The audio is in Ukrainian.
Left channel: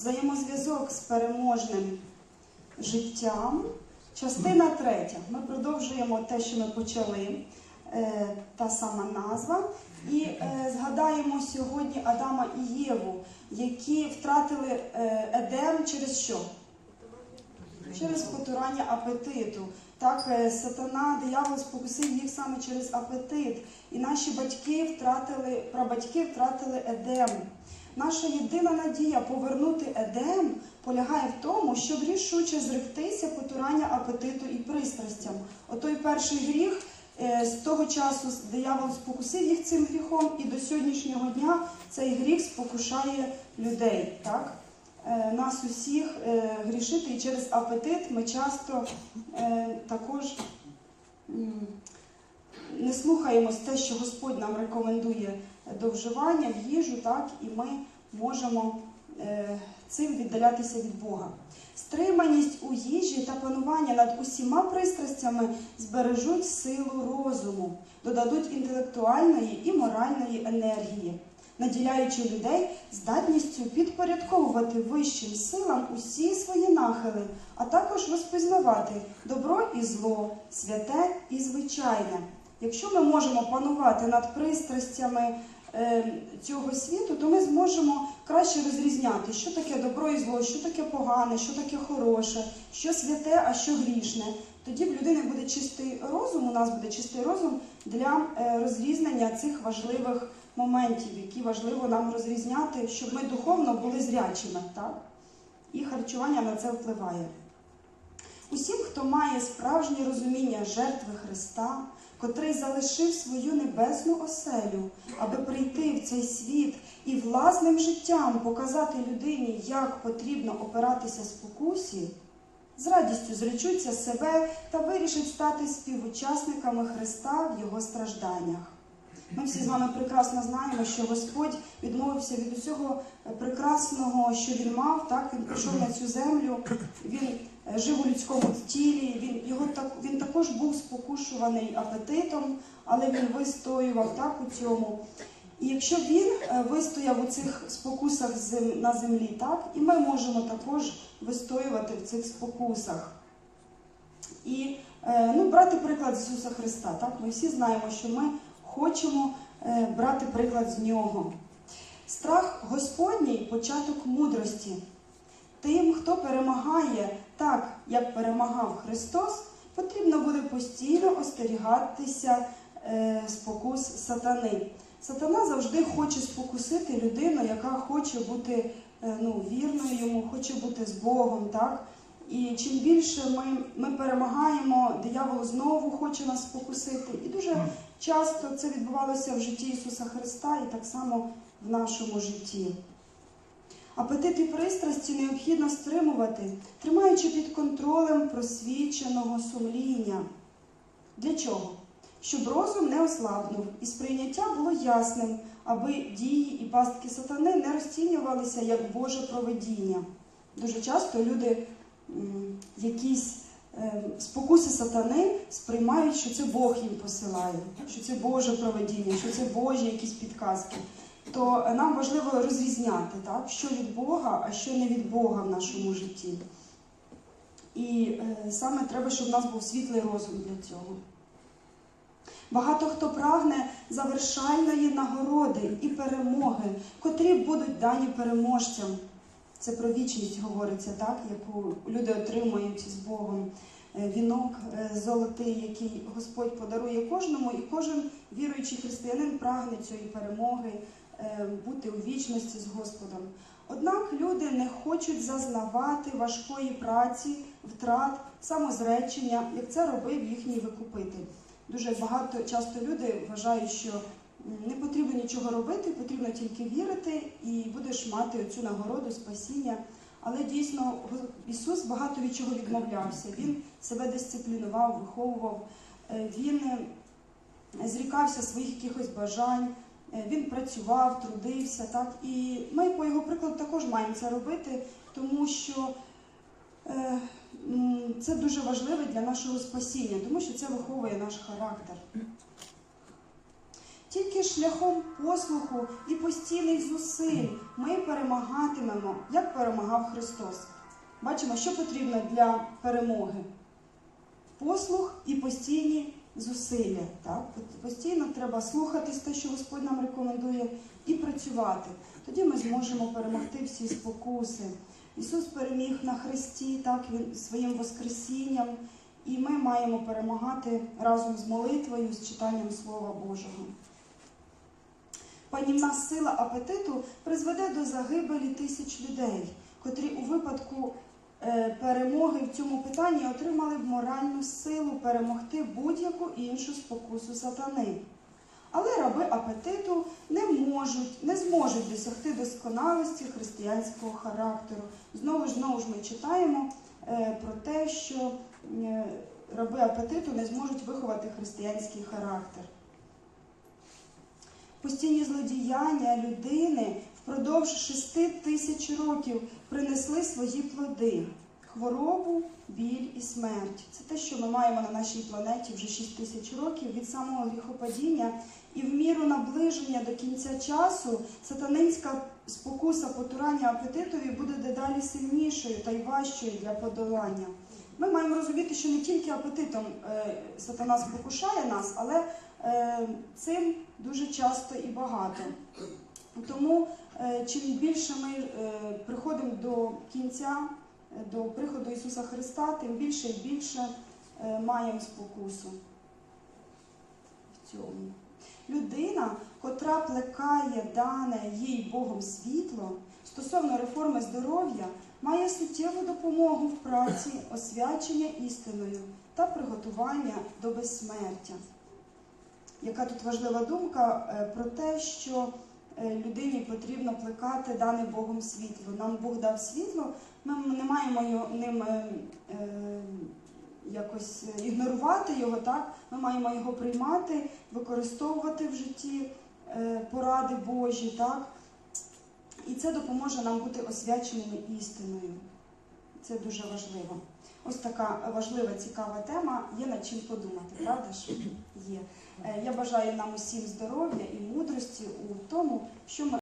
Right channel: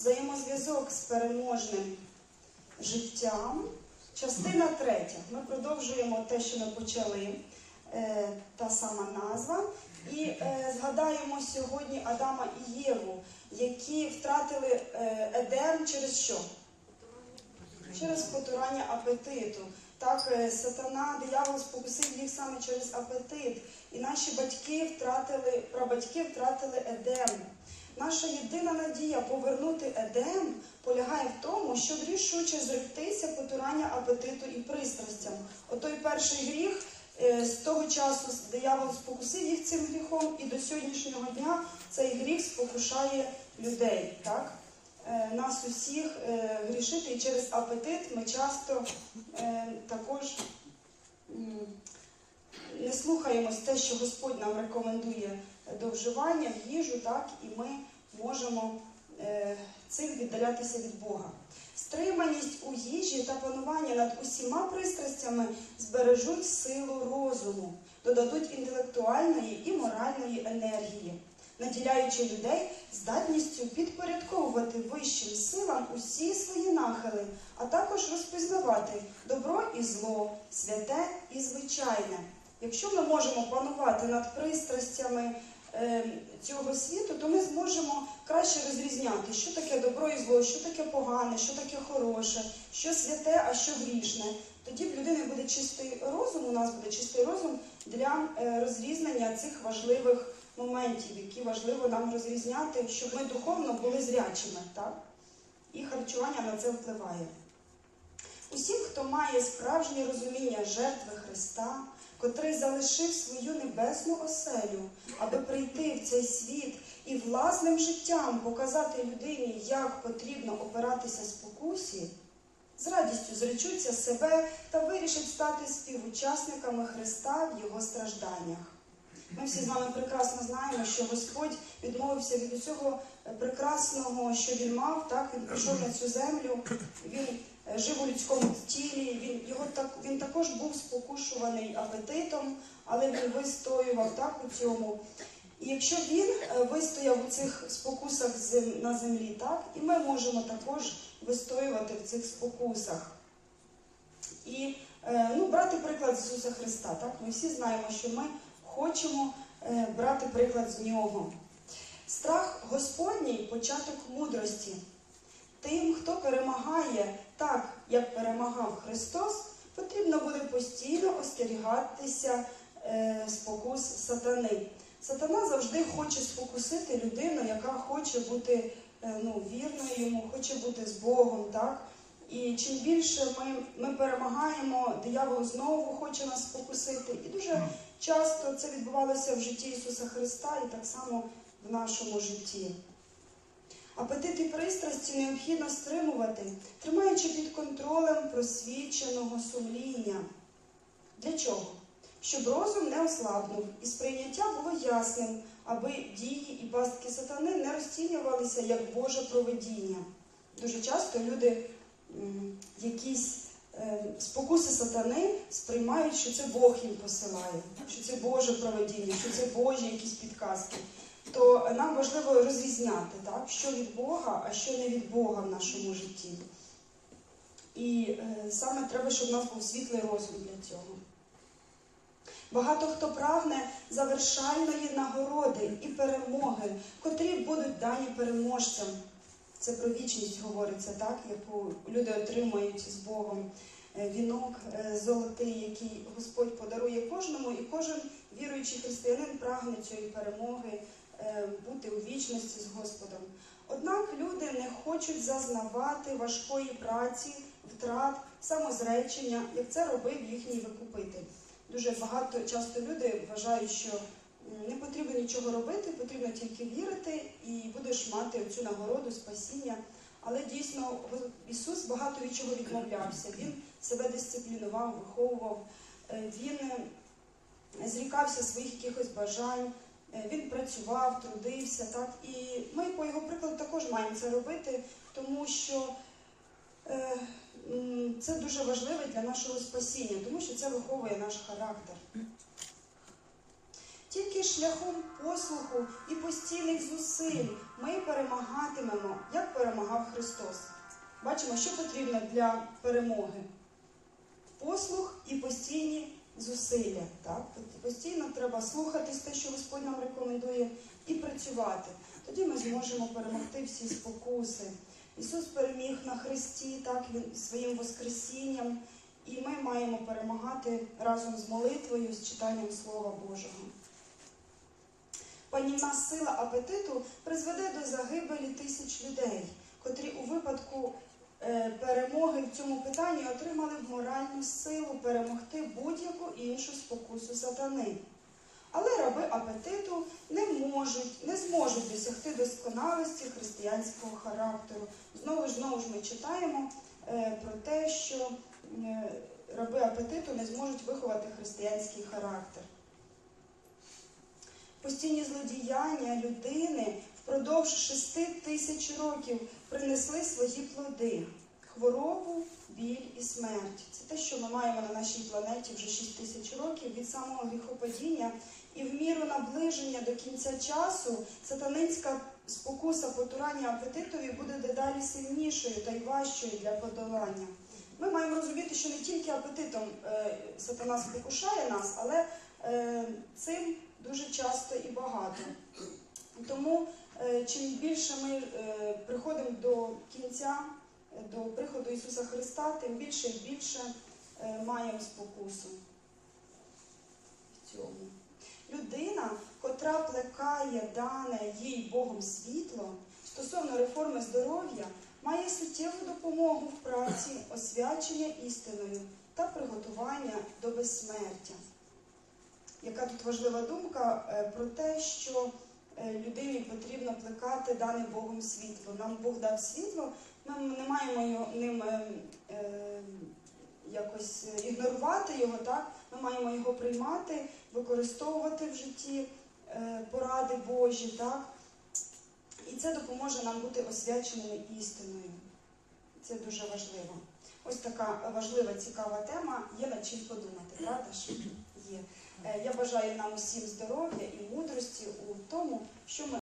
Взаємозв'язок з переможним життям. Частина третя. Ми продовжуємо те, що ми почали, е, та сама назва. І е, згадаємо сьогодні Адама і Єву, які втратили е, Едем через що? Через потурання апетиту. Так, сатана, диявол спокусив їх саме через апетит. І наші батьки втратили, прабатьки втратили Едем. Наша єдина надія повернути Едем полягає в тому, щоб рішуче зректися потурання апетиту і пристрастям. Отой перший гріх е, з того часу диявол спокусив їх цим гріхом, і до сьогоднішнього дня цей гріх спокушає людей. Так? Е, Нас усіх е, грішити, і через апетит ми часто також не слухаємось те, що Господь нам рекомендує до вживання в їжу, так, і ми можемо е, цим віддалятися від Бога. Стриманість у їжі та панування над усіма пристрастями збережуть силу розуму, додадуть інтелектуальної і моральної енергії, наділяючи людей здатністю підпорядковувати вищим силам усі свої нахили, а також розпізнавати добро і зло, святе і звичайне. Якщо ми можемо панувати над пристрастями цього світу, то ми зможемо краще розрізняти, що таке добро і зло, що таке погане, що таке хороше, що святе, а що грішне. Тоді в людини буде чистий розум, у нас буде чистий розум для е, розрізнення цих важливих моментів, які важливо нам розрізняти, щоб ми духовно були зрячими. Так? І харчування на це впливає. Усім, хто має справжнє розуміння жертви Христа, котрий залишив свою небесну оселю, аби прийти в цей світ і власним життям показати людині, як потрібно опиратися спокусі, з радістю зречуться себе та вирішать стати співучасниками Христа в його стражданнях. Ми всі з вами прекрасно знаємо, що Господь відмовився від усього прекрасного, що він мав. Так він прийшов на цю землю. Він е, жив у людському тілі. Він його так також був спокушуваний апетитом, але він вистоював так у цьому. І якщо він е, вистояв у цих спокусах на землі, так і ми можемо також вистоювати в цих спокусах. І е, ну, брати приклад з Ісуса Христа. Так? Ми всі знаємо, що ми хочемо е, брати приклад з нього. Страх Господній початок мудрості. Тим, хто перемагає так, як перемагав Христос, потрібно буде постійно остерігатися е, спокус сатани. Сатана завжди хоче спокусити людину, яка хоче бути е, ну, вірною йому, хоче бути з Богом. Так? І чим більше ми, ми перемагаємо, диявол знову хоче нас спокусити. І дуже часто це відбувалося в житті Ісуса Христа і так само в нашому житті. Апетит і пристрасті необхідно стримувати, тримаючи під контролем просвіченого сумління. Для чого? Щоб розум не ослабнув і сприйняття було ясним, аби дії і пастки сатани не розцінювалися як Боже проведіння. Дуже часто люди якісь е, спокуси сатани сприймають, що це Бог їм посилає, що це Боже проведіння, що це Божі якісь підказки. То нам важливо розрізняти, так, що від Бога, а що не від Бога в нашому житті. І е, саме треба, щоб у нас був світлий розум для цього. Багато хто прагне завершальної нагороди і перемоги, котрі будуть дані переможцям. Це про вічність говориться, так, яку люди отримують з Богом. Е, Вінок е, золотий, який Господь подарує кожному, і кожен віруючий християнин прагне цієї перемоги, бути у вічності з Господом. Однак люди не хочуть зазнавати важкої праці, втрат, самозречення, як це робив їхній викупитель. Дуже багато часто люди вважають, що не потрібно нічого робити, потрібно тільки вірити, і будеш мати цю нагороду спасіння. Але дійсно Ісус багато від чого відмовлявся. Він себе дисциплінував, виховував, Е, він е, зрікався своїх якихось бажань, він працював, трудився. Так? І ми по його прикладу також маємо це робити, тому що е, це дуже важливо для нашого спасіння, тому що це виховує наш характер. Тільки шляхом послуху і постійних зусиль ми перемагатимемо, як перемагав Христос. Бачимо, що потрібно для перемоги. Послух і постійні зусилля. Так? Постійно треба слухатись те, що Господь нам рекомендує, і працювати. Тоді ми зможемо перемогти всі спокуси. Ісус переміг на Христі, так він своїм Воскресінням, і ми маємо перемагати разом з молитвою, з читанням Слова Божого. Панівна сила апетиту призведе до загибелі тисяч людей, котрі у випадку перемоги в цьому питанні отримали б моральну силу перемогти будь-яку іншу спокусу сатани. Але раби апетиту не можуть, не зможуть досягти досконалості християнського характеру. Знову ж знову ж ми читаємо е, про те, що е, раби апетиту не зможуть виховати християнський характер. Постійні злодіяння людини впродовж шести тисяч років принесли свої плоди хворобу, біль і смерть. Це те, що ми маємо на нашій планеті вже 6 тисяч років від самого гріхопадіння. І в міру наближення до кінця часу сатанинська спокуса потурання апетитові буде дедалі сильнішою та й важчою для подолання. Ми маємо розуміти, що не тільки апетитом е, сатана спокушає нас, але е, цим дуже часто і багато. Тому чим більше ми е, приходимо до кінця, е, до приходу Ісуса Христа, тим більше і більше е, маємо спокусу в цьому. Людина, котра плекає дане їй Богом світло стосовно реформи здоров'я, має суттєву допомогу в праці, освячення істиною та приготування до безсмертя. Яка тут важлива думка е, про те, що е, людині потрібно плекати дане Богом світло. Нам Бог дав світло, ми не маємо ним е, е, якось ігнорувати його, так? Ми маємо його приймати, використовувати в житті е, поради Божі, так? І це допоможе нам бути освяченими істиною. Це дуже важливо. Ось така важлива, цікава тема. Є над чим подумати, правда ж? Є. Е, Я бажаю нам усім здоров'я і мудрості у тому, що ми